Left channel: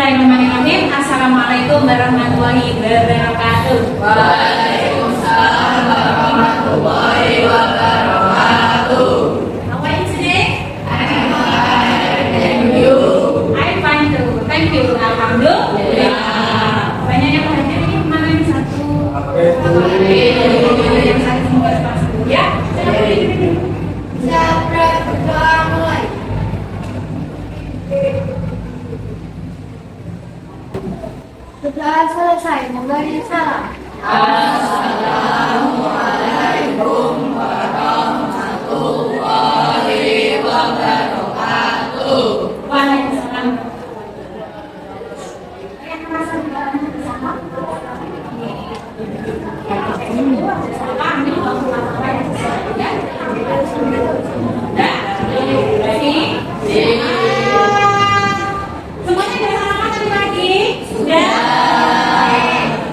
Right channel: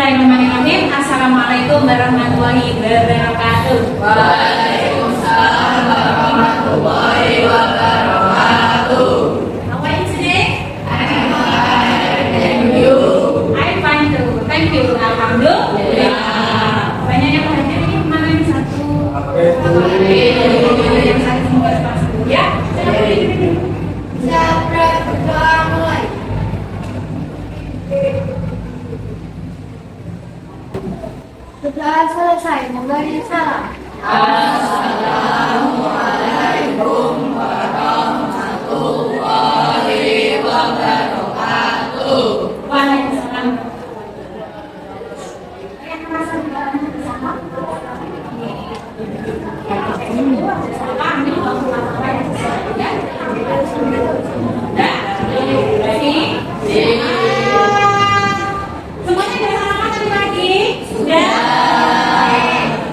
Bismillahirrahmanirrahim. Assalamualaikum warahmatullahi wabarakatuh. Waalaikumsalam warahmatullahi wabarakatuh. How are you today? Thank you. I'm fine too. Thank you. Alhamdulillah. Banyak yang hadir ini mana yang satu? Yang satu semoga pas ya. Siapa berdoa mulai? Setelah selesai memberi salam, Assalamualaikum warahmatullahi wabarakatuh. Waalaikumsalam. Yang merasa bersama? Semuanya sudah sarapan tadi pagi? Sudah.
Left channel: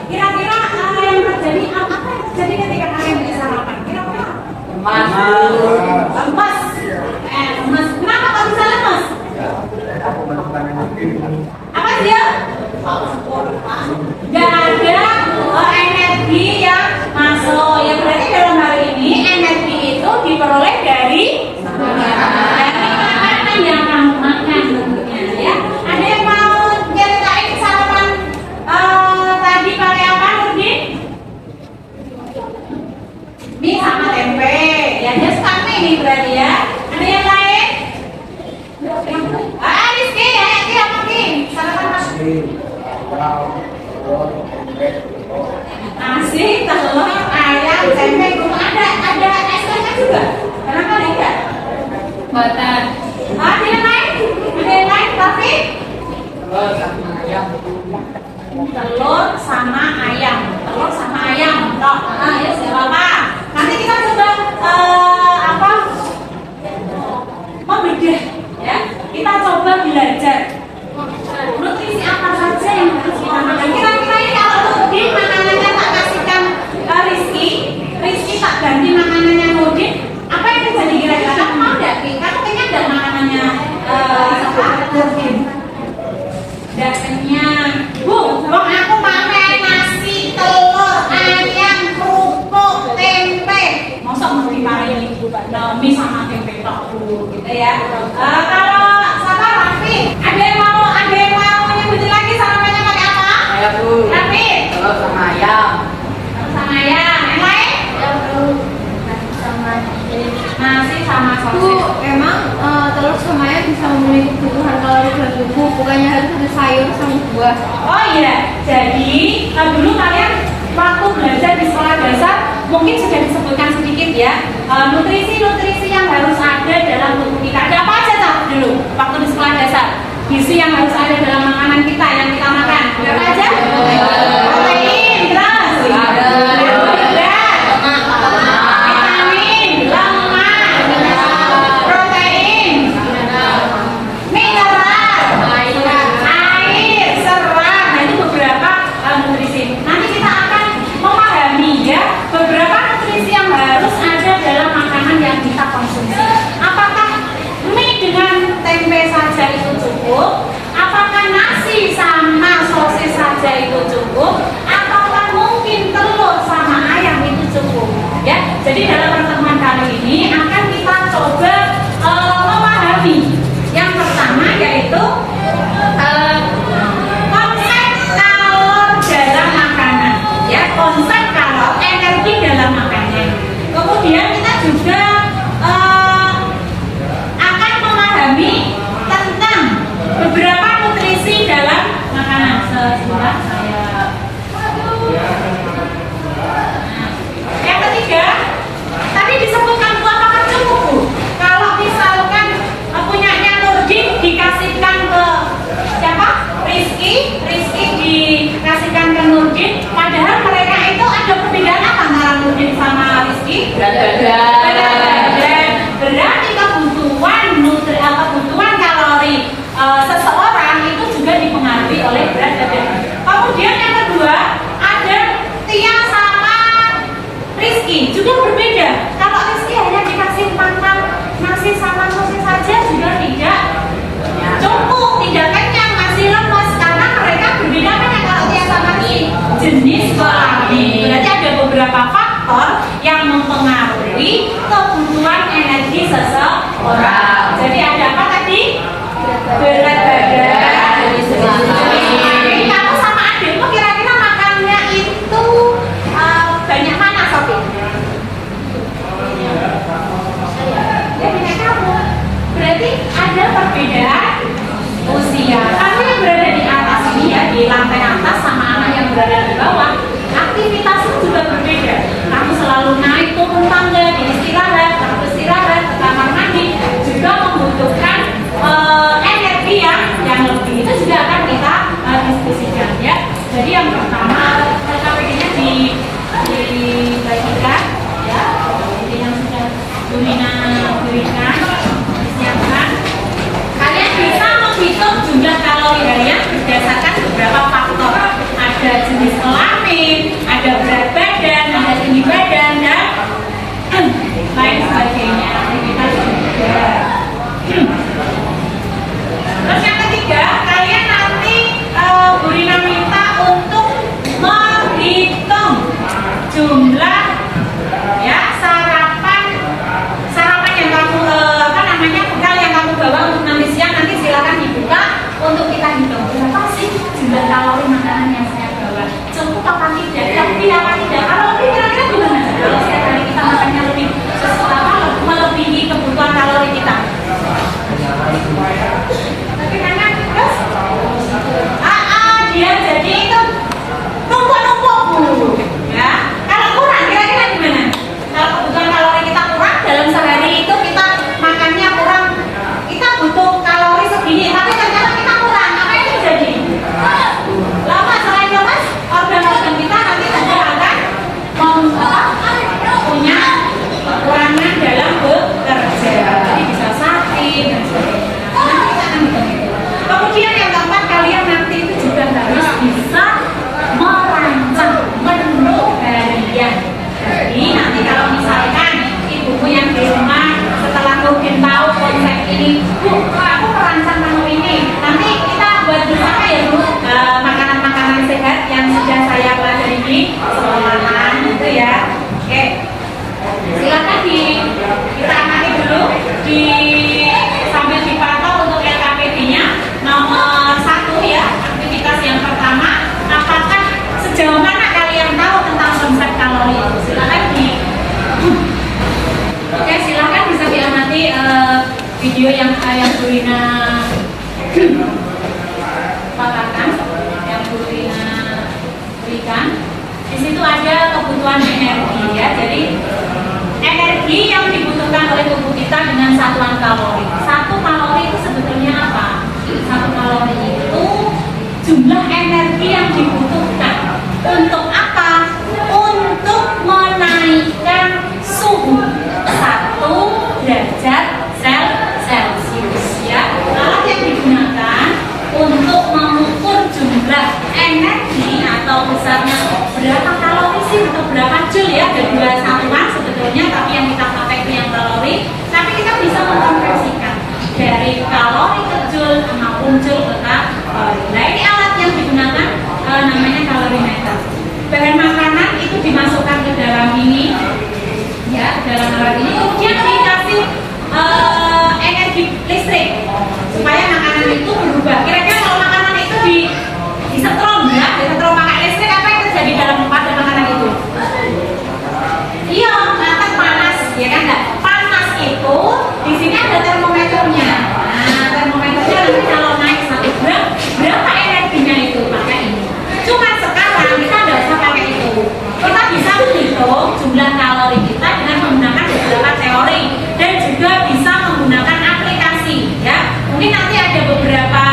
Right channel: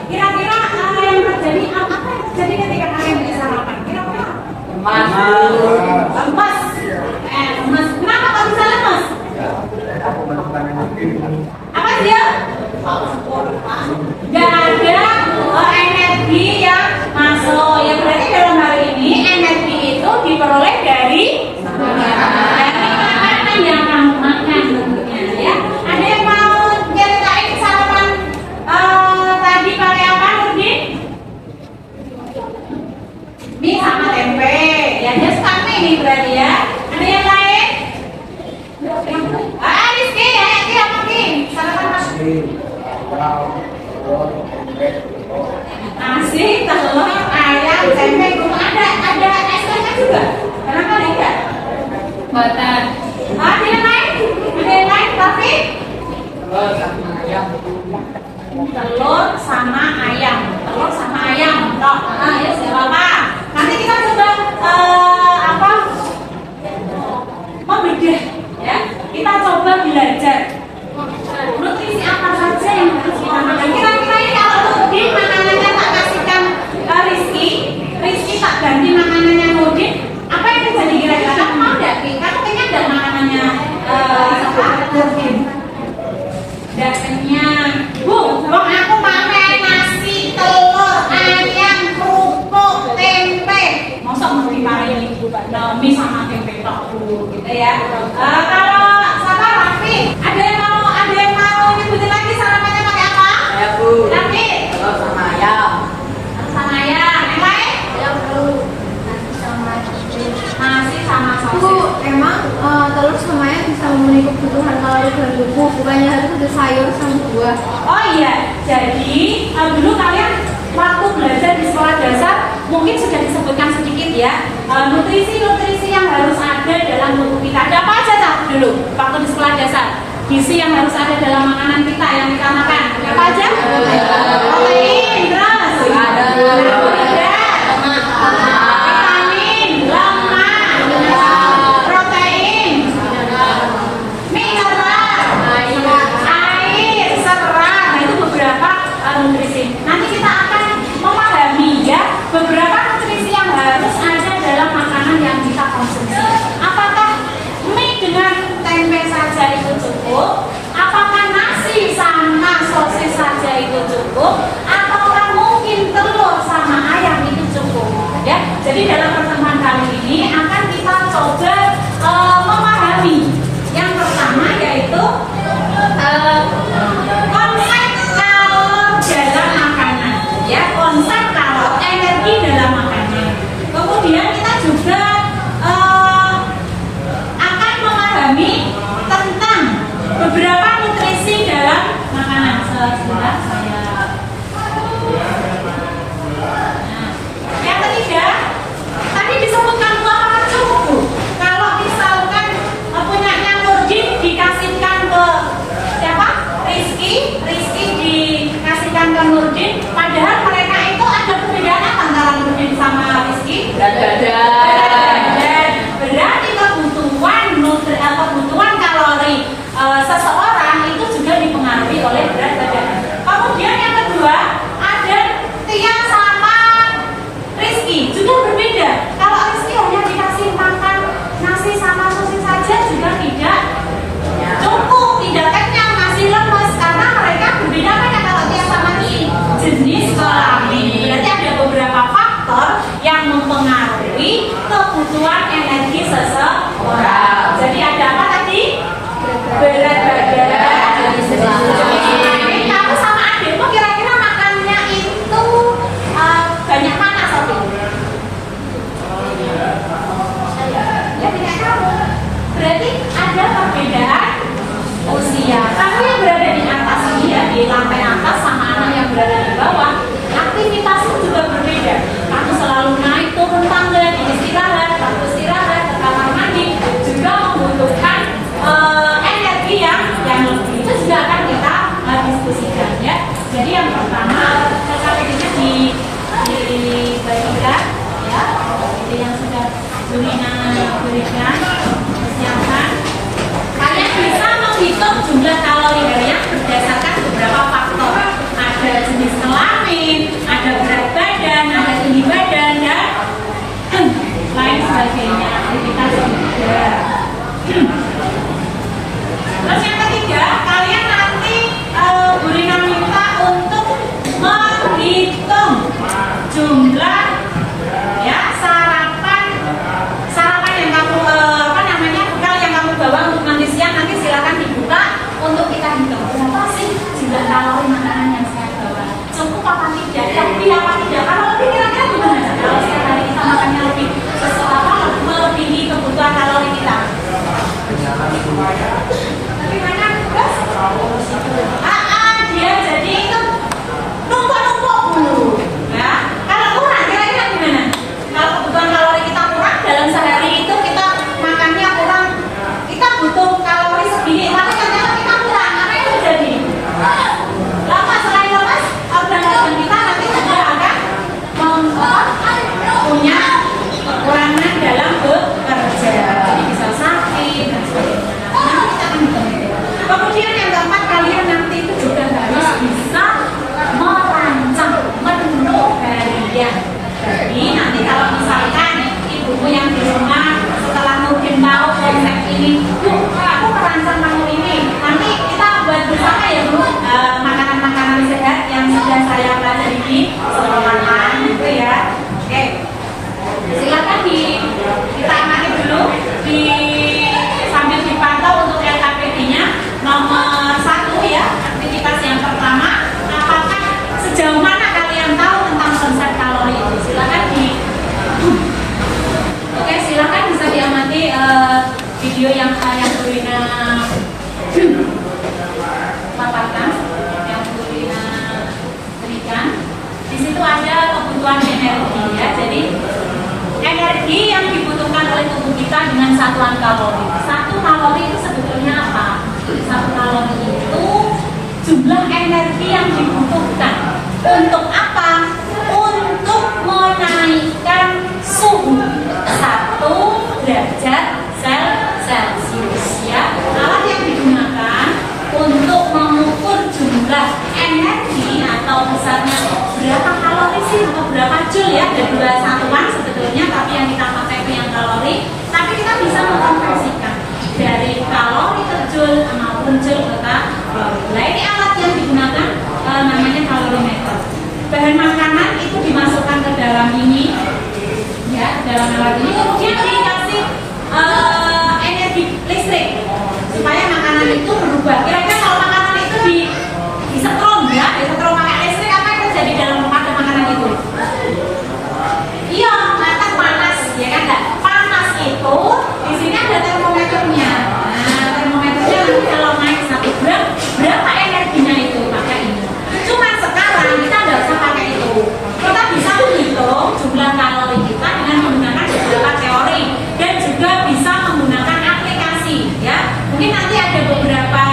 Kira-kira yang terjadi apa yang terjadi ketika kalian bisa sarapan? Kira-kira? Lemas. Lemas. Kenapa kok bisa lemas? Apa dia? Gak ada energi yang masuk. Ya berarti dalam hal ini energi itu diperoleh dari makanan yang kamu makan tentunya ya. Ada yang mau nyeritain sarapan tadi pakai apa Nurdin? Mie sama tempe. Ya dia suka mie nih berarti ya. Ada yang lain? Rizky ya, Rizky apa Ki? Sarapan mas? Nasi, telur, ayam, tempe, belum ada es kacang juga. Kenapa enggak? Buatan. Ada yang lain? Ada yang lain tapi? Telur sama ayam. Telur sama ayam. Toh, ya siapa? Nanti kita coba membedah, ya. Kita coba belajar nutrisi apa saja yang harus kita makan. Kira-kira ini kalau Nurdin makanannya tak kasihkan Rizky tak ganti makanannya Nurdin, apa yang terjadi kira-kira? Kamu mau nggak? Kamu kenyang nggak makanannya Nurdin? Nggak kenyang. Bu, aku pakai nasi, telur, ayam, kerupuk, tempe. Masa mau dimarahin ibu mie sama tempe tok Bu, gitu ya. Kalau sama Raffi, ada yang mau nyebutin lagi sarapannya pakai apa? Saya Bu. Raffi, Telur sama ayam. sama ayam. Yang lain? Nasi sama Bu, sosis. emang telur sama ayam bisa memenuhi kebutuhan kalori dalam tubuh, bukannya harus ada sayur sama buah. Oh iya, jadi dulu kalian waktu belajar di sekolah dasar mungkin sudah disebutkan sedikit ya nutrisi-nutrisi yang harus ada dalam tubuh kita. Ada apa aja Cak, dulu waktu di sekolah dasar? Gizi yang harus ada dalam makanan kita yang kita makan. Ada apa aja? Protein, terus vitamin, lemak, protein, mineral, air, serat. Nah itu beberapa nutrisi. Nanti kita akan memahami ya beberapa nutrisi yang harus ada dalam makanan yang kita konsumsi. Apakah mie dengan tempe saja itu cukup? Apakah nasi sama sosis saja itu cukup? Ataukah mungkin telur sama ayam itu cukup? Ya, jadi dalam pertemuan kali ini akan kita coba memahami. Yang pertama yaitu konsep kalor dalam makanan, ya konsep kalor energi dalam makanan. Kemudian kita juga akan memahami tentang beberapa nutrisi dalam makanan. Sebentar saya. Yang ketiga, tadi disebutkan Bu, apakah cukup Bu? Kalau misalkan punyanya Nurdin dikasihkan ke siapa? Rizky dikasihkan ke Nurdin, padahal mereka itu ada perbedaan apa antara Nurdin sama Rizky? Berarti kebutuhan kalori seseorang itu juga dipengaruhi oleh berat badan. Kemudian yang kedua ada Tia sama Rizky juga berbeda. Kalau Rizky hanya dikasih makan nasi sama sosis saja juga tidak cukup, tidak kenyang, masih lemes karena Orang. Jadi ada apa tadi? Berat badan. Jadi kamu sama adikmu kira-kira makannya itu banyak mana, Sofi? Ya punya kamu. Berarti ada perbedaan usia. Kamu yang berada di atas ini ya, di lantai atas sama anak yang berada di bawah, aktivitasnya juga berbeda. Kamu selalu naik turun tangga, di istirahat, lalu istirahat, ke kamar mandi, juga membutuhkan energi yang lebih. Itu juga akan kita diskusikan ya. Jadi yang pertama KPD-nya dibagikan ya. Jadi yang sudah Bulina berikan, disiapkan. Kalian bisa menghitung jumlah kalori harian berdasarkan beberapa faktor. Ada jenis kelamin, ada berat badan, ada tinggi badan, dan lain sebagainya. Aktivitas juga. Terus yang ketiga, kalian nanti Burina minta untuk menghitung jumlah ya sarapan yang kamu bekal yang kamu bawa untuk nanti siang. Nanti silakan dibuka untuk kita hitung berapa sih jumlah kalori makanan yang saya bawa, cukup apa tidak, lebih apa tidak. Kalau lebih kira-kira gimana? Kalau setiap hari kita makannya lebih melebihi kebutuhan kalori kita. Tapi nanya terus dia jadi itu numpuk ya. Kalau kurang kira-kira gimana? Kalau kebutuhan kalori kita kurang dalam sehari itu kita makannya kurang, kita butuh kalori segini, tapi ternyata kita kurang, apa yang terjadi? Lama selain lemas, organ-organ kita nanti juga akan punya kekurangan dalam bekerja, jadi bisa sakit dan sebagainya. Nanti kita akan hitung itu. Kemudian yang keempat, kalian nanti itu juga harus bisa merancang menu harian. Jadi nanti kalau misalkan ibumu yang di rumah setelah mungkin tahu konsep ini, Bu, aku merancang menu ini, nanti kita buat bersama ya Bu, makanan-makanan sehat yang sudah saya pelajari sekolahan gitu ya. Oke, silakan kita amati dulu sambil dipantau untuk LKPD-nya. Nomor 1 ya, aktivitas yang pertama, apakah sejauh mana kalian tahu tentang konsep kalori itu? Silakan Oke, silakan bisa diamati video yang Burina katakan, yang Burina berikan. Di situ ada kebutuhan energi ya. Jadi energi yang dibutuhkan oleh tubuh kita dengan satuan kalori. 1 kalori itu sebetulnya apa? 1 kalori itu jumlah energi yang dibutuhkan untuk apa? Untuk menaikkan suhu 1 derajat Celcius ya. Alat yang digunakan untuk mengukur jumlah energi atau misalnya berapa kalori sih atau berapa joule ya, ada 2 satuan sebetulnya, tapi yang kita pakai itu yang kalori. Tapi kita bisa mengkonversikan dari kalori ke joule maupun joule ke kalori. Nah ini alat yang digunakan namanya kalorimeter. Bahan makanan itu dimasukkan ke dalam ini ya, dalam alat ini, kemudian dikasih energi listrik supaya makanan itu berubah. Kira-kira kalau makanan itu disetrum ya, disetrum pakai listrik, apa yang terjadi dalam makanan itu? Iya, matang panas ya kan? Enggak? Panas itu di sini ada termometernya. Nah, termometernya nanti kalau naik 1 gram, berapa energinya itu? Pakai ini. Cuma sekarang kita tidak usah pakai itu. Kita bisa menghitung jumlah kalori kita dengan menggunakan beberapa teori dan juga bisa menggunakan aplikasi ya. Mungkin nanti ada beberapa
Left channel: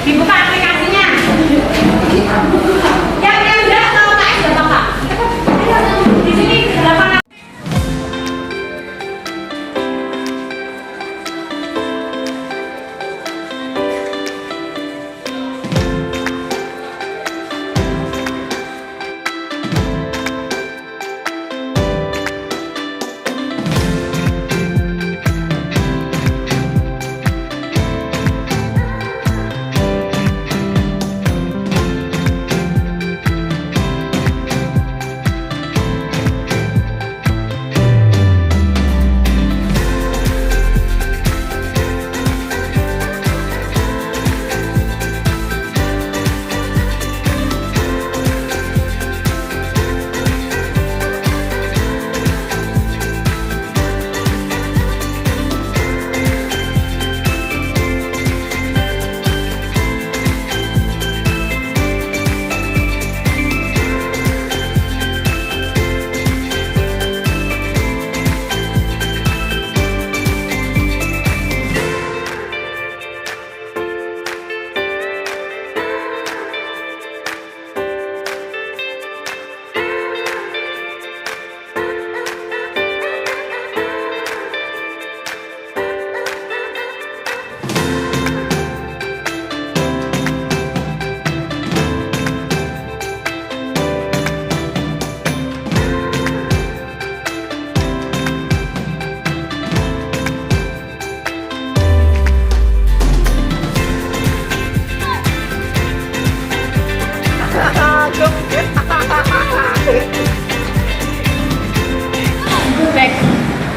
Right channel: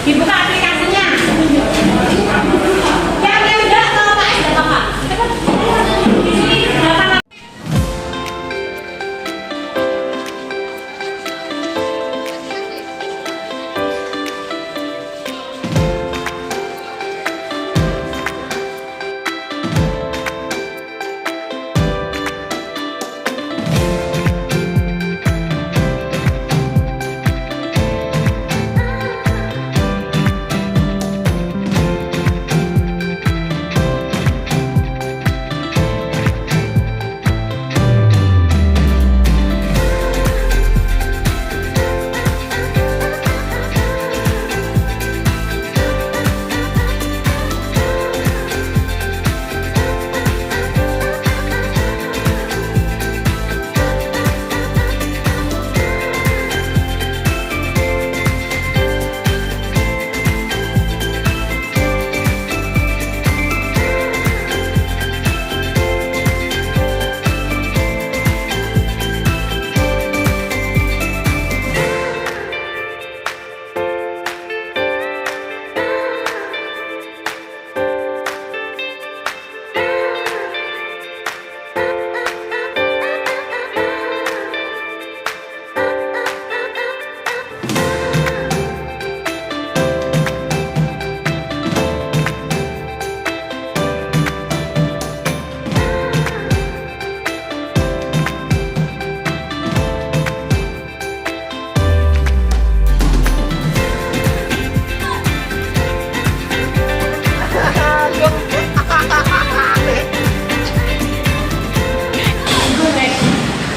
Dibuka aplikasinya. Yang enggak kalau KS datang Pak. Di sini 8.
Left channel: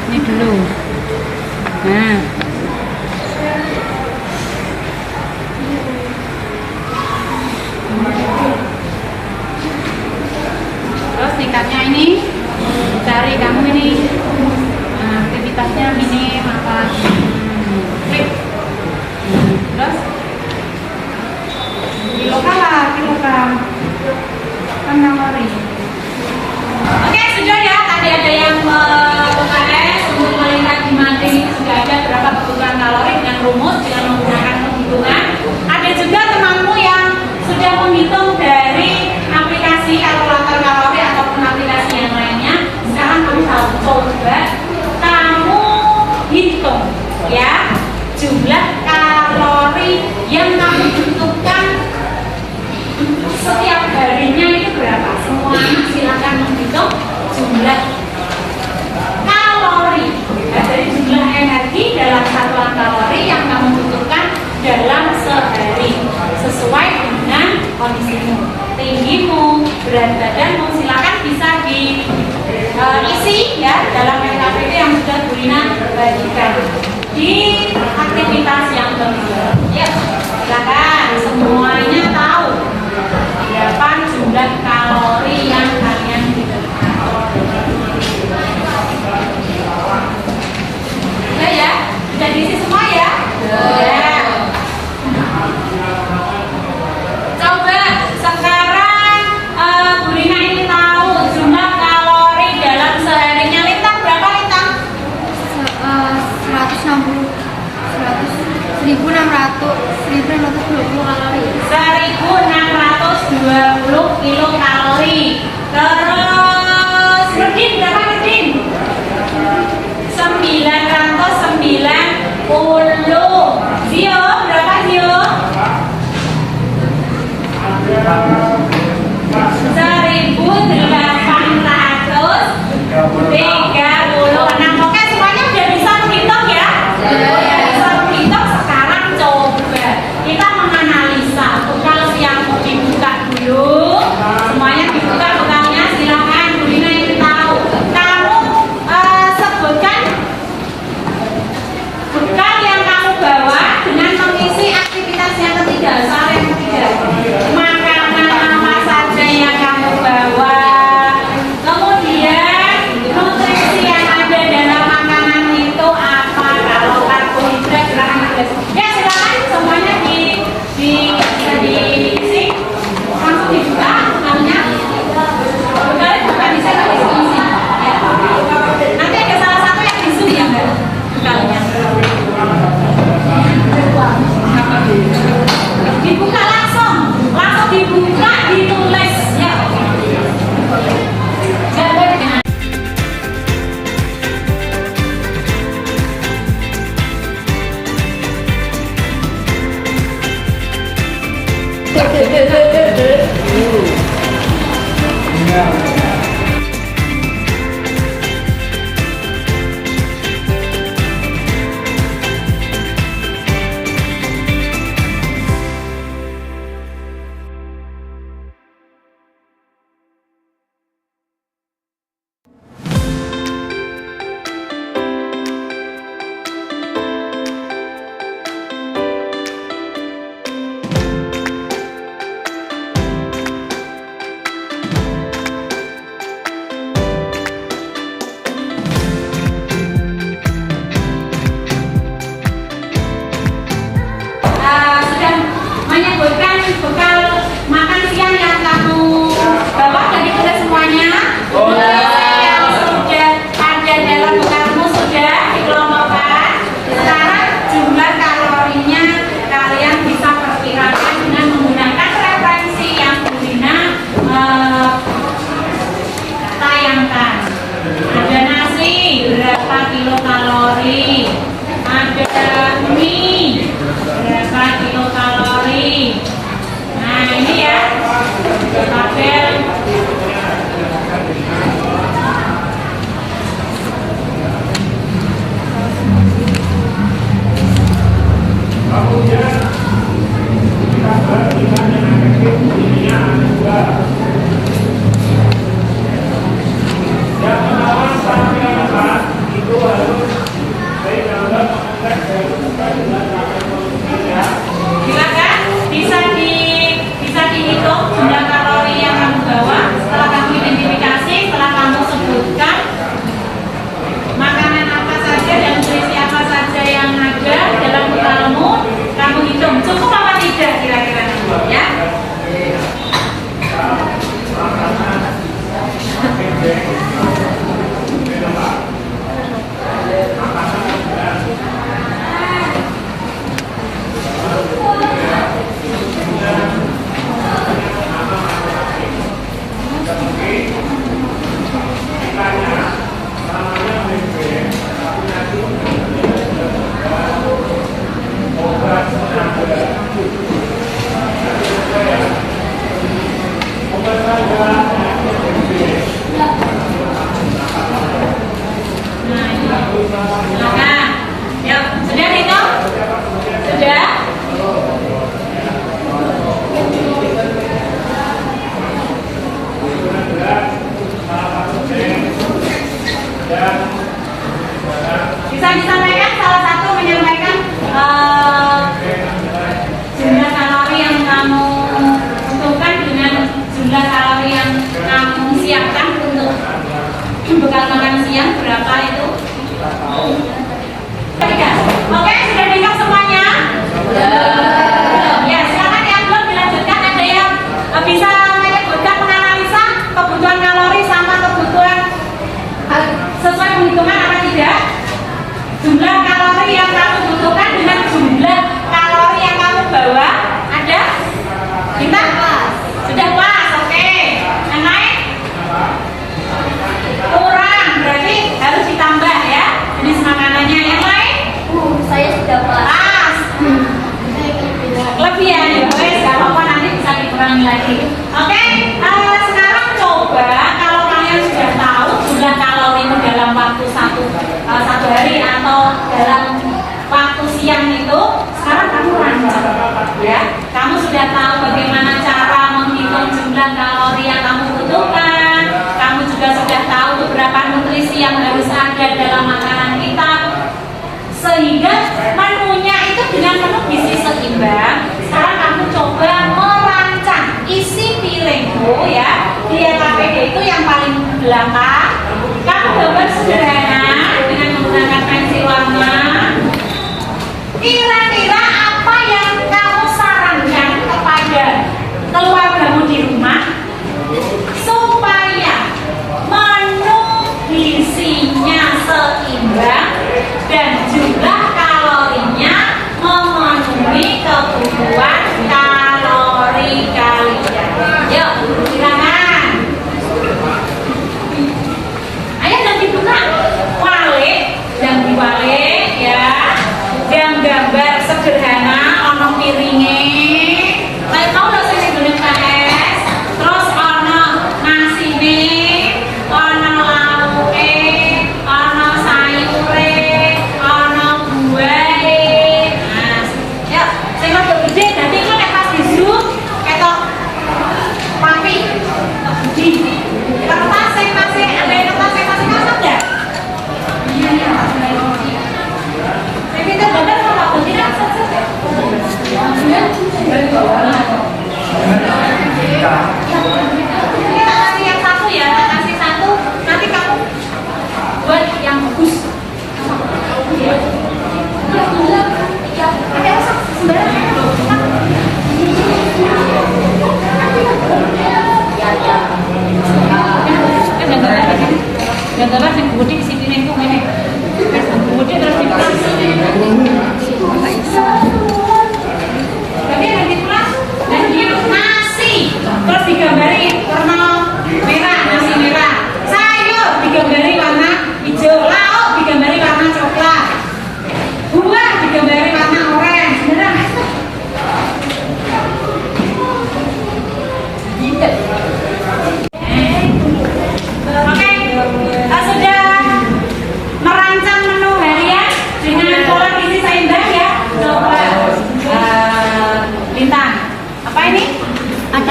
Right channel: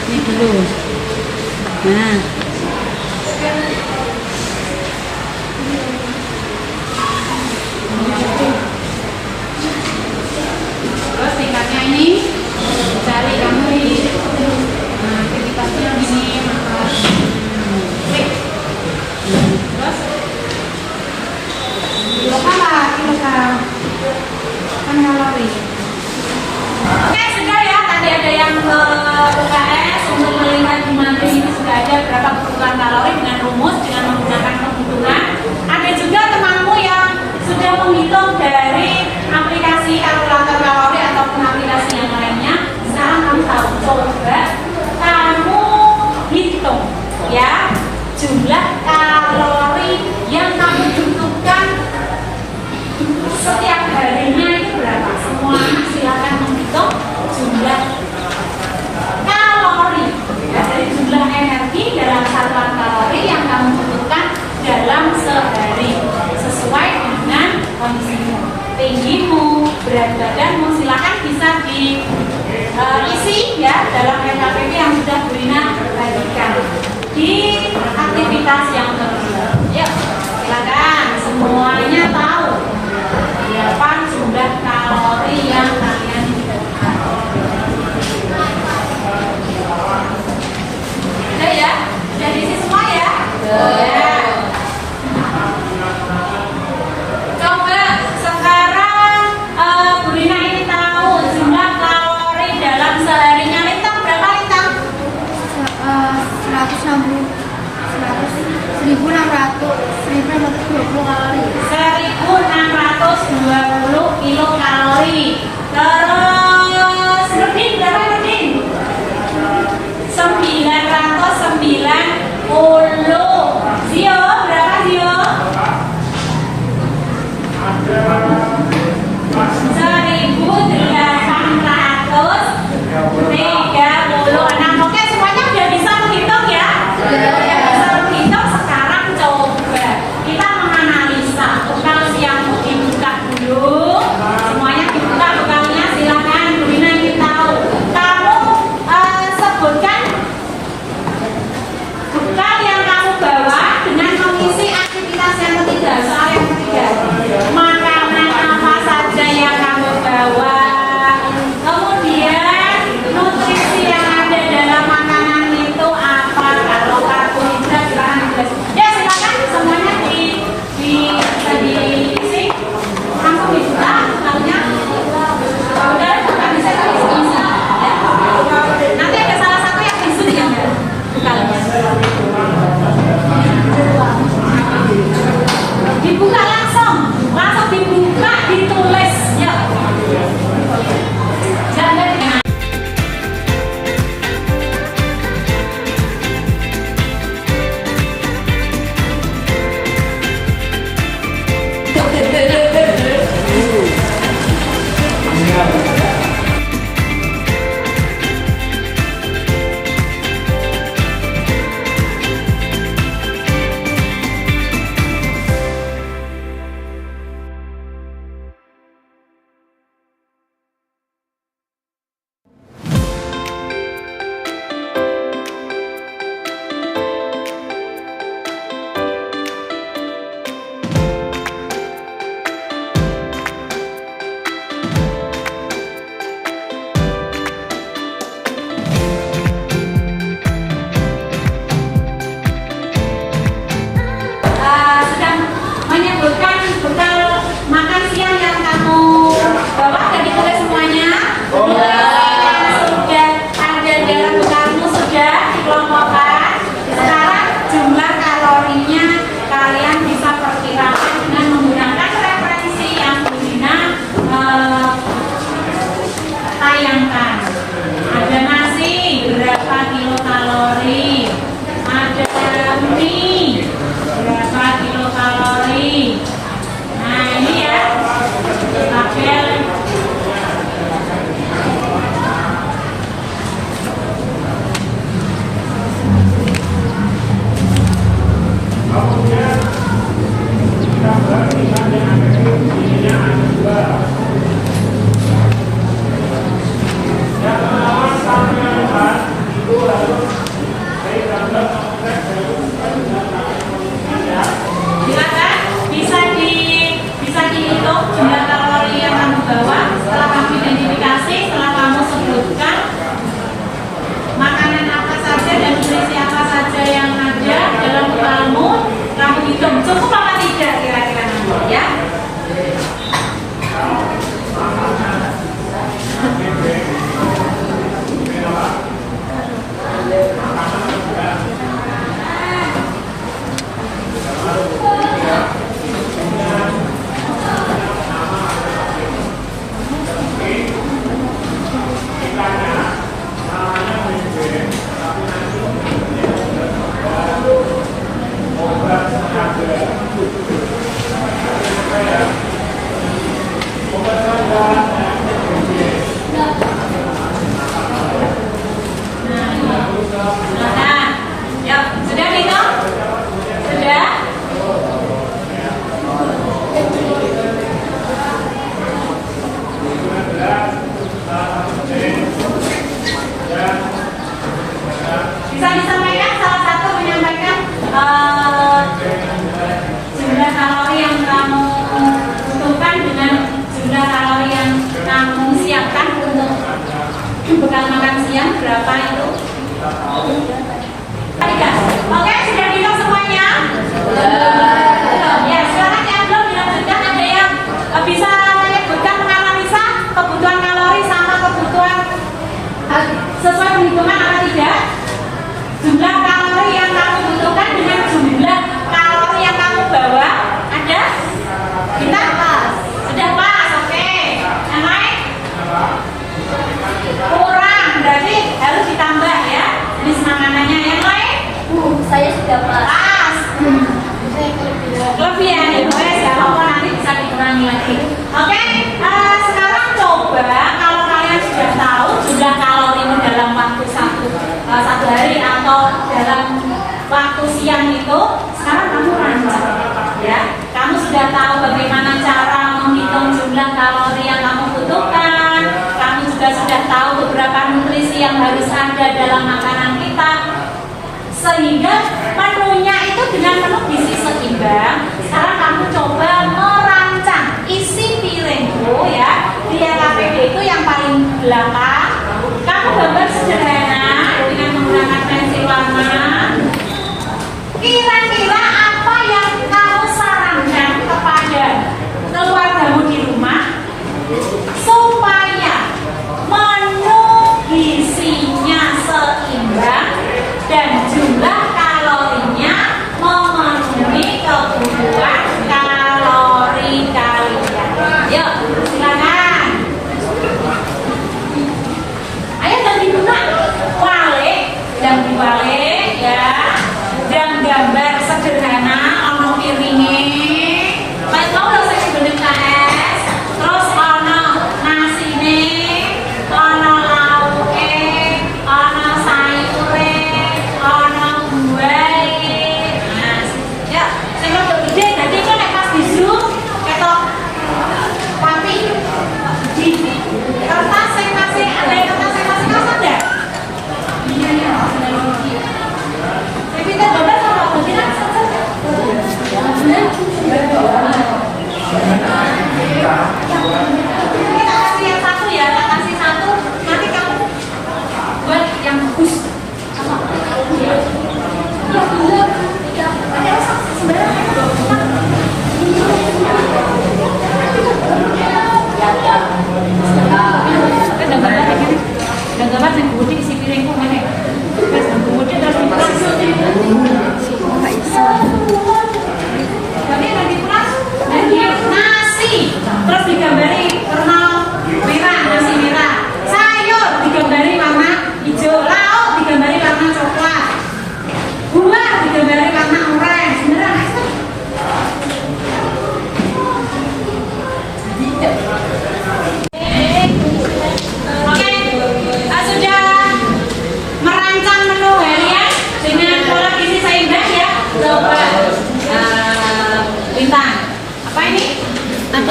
Ini dulu. Nah. Terus tingkatnya ini cari kamu ini. Nah, aktivitasnya ini apa? Klik. Terus kilokal kan kalori. Oke, sudah ya. Tadi ada yang UKS untuk melihat di materi ini sudah ada berapa kebutuhan kalori dengan rumus dengan menggunakan penghitungan. Ada juga temanmu yang sudah menghitung dari aplikasi kalkulator kalori ataupun aplikasi yang lainnya. Sekarang kamu tahu, coba kamu hitung ya jumlah kalori yang kamu butuhkan setiap harinya itu berapa? Semua silakan menghitung jumlah kalori ya, dari jumlah energi dalam satuan kalori yang kamu butuhkan dalam sehari sesuai dengan kondisimu, tinggimu, berat badanmu. Silakan bisa diisi ya dalam NKPD yang sudah Bu Rina bagikan di aktivitas yang kedua. Yuk, silakan semuanya tahu berapa jumlah kalori yang kalian butuhkan. Oke ya, sudah diisi semua ya? Ya. Coba sekarang Bu Rina ini tahu jumlah kalori dalam seharinya. Lintang berapa Lintang? 1620 kalori. 1620 kilokalori. Terus Rudin berapa Rudin? 990. Zio berapa Zio? 1836. Oke, semuanya sudah bisa menghitung ya? Bisa menghitung. Sekarang coba kita menganalisa. Kalau siang mau dibuka dulu, semuanya dibuka bekalnya. Silakan Bu Dina ingin tahu. Kamu sebutkan bekal yang kamu bawa dengan Sudah menyebutkan bekal makan siang yang kamu bawa dan ditulis semuanya. Sudah ada dalam bekalmu sudah dikelompokkan. Sekarang jumlah kalorinya kalian bisa perkirakan dengan menggunakan referensi yang Bu Dina tayangkan. Ada nasi berapa kilokalori, ada mie berapa kilokalori. Nah ini ya tabel. Silakan bisa dihitung jumlah kalori yang kamu bawa setelah kamu identifikasi, setelah kamu sebutkan makanan apa saja dan nutrisi apa saja yang ada dalam bekalmu, kamu hitung cukup apa tidak kira-kira nanti ya. Silakan. Ya, sudah hitung? Sudah? Bisa disampaikan salah satu menyampaikan jumlah kalori yang kamu butuhkan dengan jumlah kalori yang kamu siapkan untuk bekal makan siang berapa itu? Oke, sudah dihitung semuanya? Ya, silakan yang belum dilanjutkan. Ada yang bisa menyebutkan menganalisa kebutuhan kalori sama kebutuhan sesuai penghitungan apa tidak? Jumlah kalori yang kamu butuhkan dengan jumlah kalori yang kamu bawa ada? Kita? Sudah pas, oke. Yang lain? Kurang, berarti harus ditambah ya. Ini makanannya. Yang lain? Saya sudah pas. Pas. Saya Kelebihan ya, wes gak apa-apa, nanti bisa dikurangi lagi. Oke, sekarang coba kalau kalian sudah tahu jumlah kalorimu dalam waktu satu hari atau dalam waktu siang itu, sekarang kamu rancang ya. Kamu sudah tahu bagaimana cara menghitung jumlah kalori yang kamu butuhkan. Kamu juga sudah tahu beberapa nutrisi yang harus ada dalam makanan kita, sehingga menunya itu dengan menu gizi seimbang. Sekarang kamu coba merancang isi piringmu ya. Di LKPD itu yang paling belakang kamu gambar sederhana dengan menggunakan pensil warna. Kira-kira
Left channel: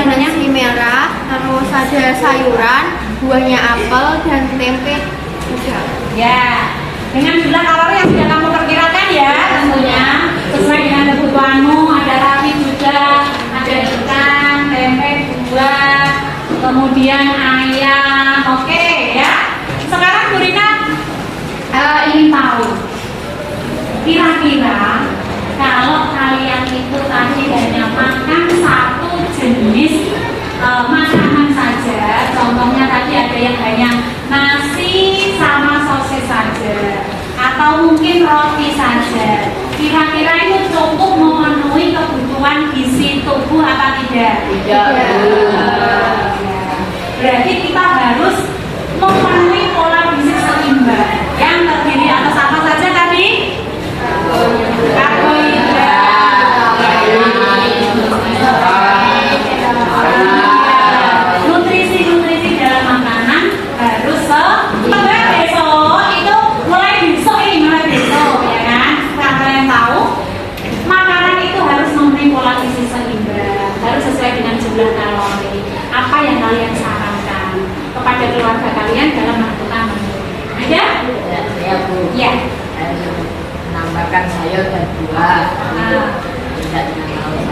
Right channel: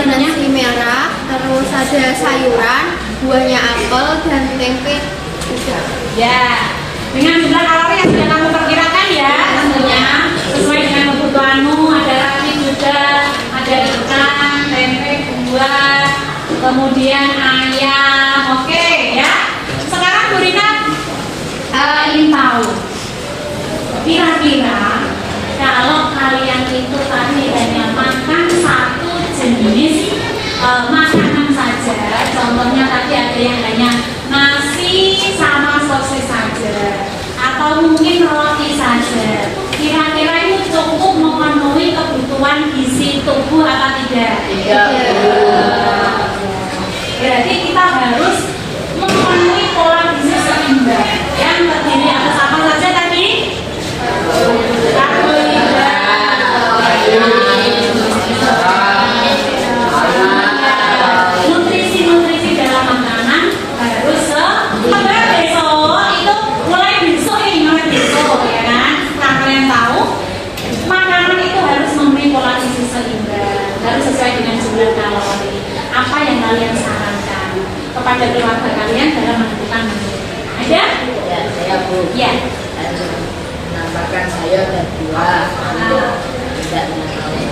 nasi merah, terus ada sayuran, buahnya apel dan tempe udang. Ya, dengan jumlah kalori yang sudah kamu perkirakan ya, tentunya sesuai dengan kebutuhanmu. Ada ragi juga, ada ikan, tempe, buah, kemudian ayam. Oke ya. Sekarang Bu Rina ingin tahu, kira-kira kalau kalian itu tadi hanya makan satu jenis makanan saja, contohnya tadi ada yang hanya nasi sama sosis saja, atau mungkin roti saja, kira-kira itu cukup memenuhi kebutuhan gizi tubuh apa tidak? Tidak. Berarti kita harus memenuhi pola gizi seimbang yang terdiri atas apa saja tadi? Nutrisi-nutrisi dalam makanan harus seimbang. Besok itu mulai besok ya kan? Nah, kalian tahu makanan itu harus memberi pola gizi seimbang, harus sesuai dengan jumlah kalori. Apa yang kalian sarankan kepada keluarga kalian dalam menentukan menu? Ada? Ya, saya Bu. Ya. Menambahkan sayur dan buah untuk tidak dengan kalori.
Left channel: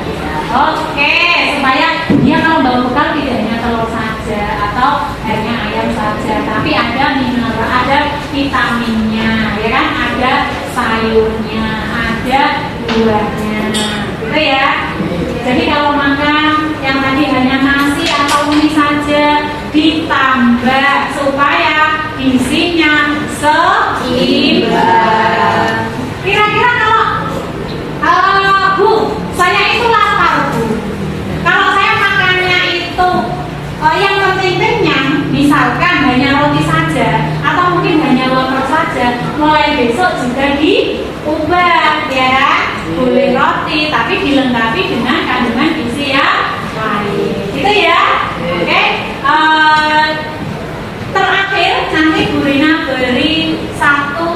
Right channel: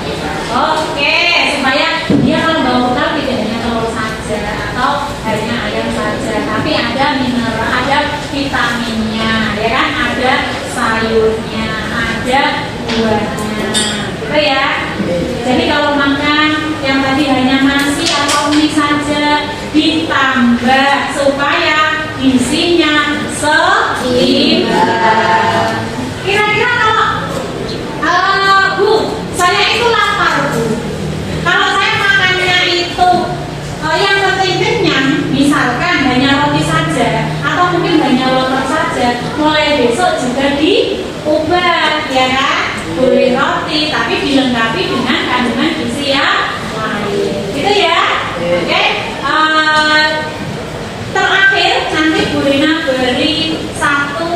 Oke, supaya dia kalau bawa bekal tidak hanya telur saja atau hanya ayam saja, tapi ada mineral, ada vitaminnya, ya kan? Ada sayurnya, ada buahnya, gitu ya. Jadi kalau makan yang tadi hanya nasi atau mie saja, ditambah supaya gizinya seimbang. Kira-kira kalau Bu, saya itu lapar Bu. Kalau saya makannya itu yang penting kenyang, misalkan hanya roti saja atau mungkin hanya lontong saja, mulai besok juga diubah ya kan? Boleh roti tapi dilengkapi dengan kandungan gizi yang lain. Gitu ya? Oke. Terakhir nanti Bu Rina beri satu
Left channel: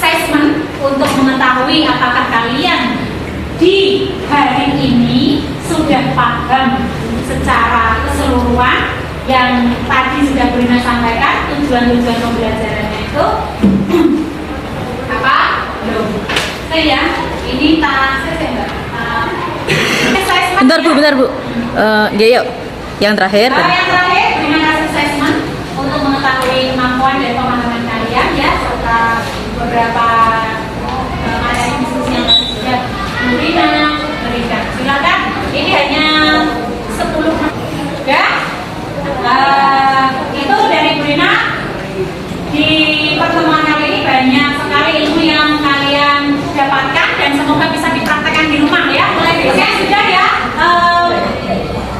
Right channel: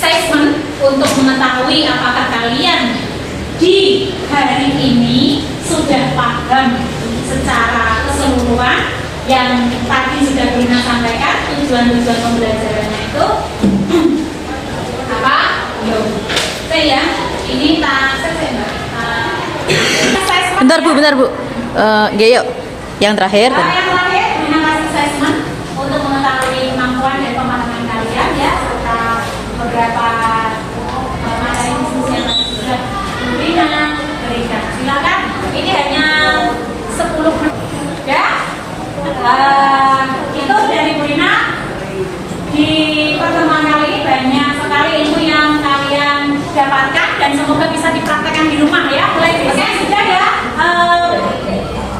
assessment untuk mengetahui apakah kalian di hari ini sudah paham secara keseluruhan yang tadi sudah Bu Rina sampaikan tujuan-tujuan pembelajarannya itu apa? Yuk. Oke ya, ini Bentar Bu. Yuk. Yang terakhir. Yang terakhir, terima kasih assessment untuk mengetahui kemampuan dan pemahaman kalian ya, serta beberapa materi diskusi yang tadi sudah Bu Rina berikan. Silakan, ini hanya 10 menit ya. Itu dari Bu Rina. Di pertemuan kali ini banyak sekali ilmu yang kalian dapatkan dan semoga bisa dipraktekkan di rumah ya. Mulai besok sudah ya.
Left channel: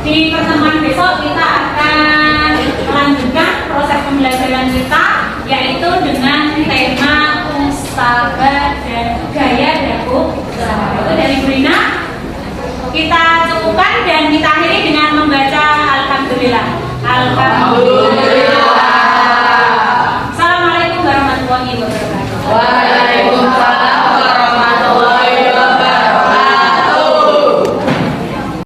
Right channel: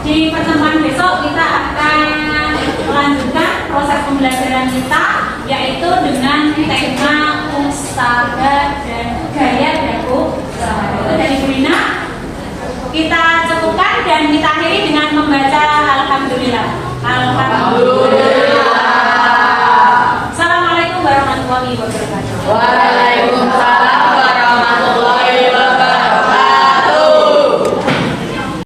Di pertemuan besok kita akan melanjutkan proses pembelajaran kita, yaitu dengan tema usaha dan gaya dakwah usaha. Itu dari Bu Rina. Kita cukupkan dan kita akhiri dengan membaca Alhamdulillah. Alhamdulillah. Assalamualaikum warahmatullahi wabarakatuh.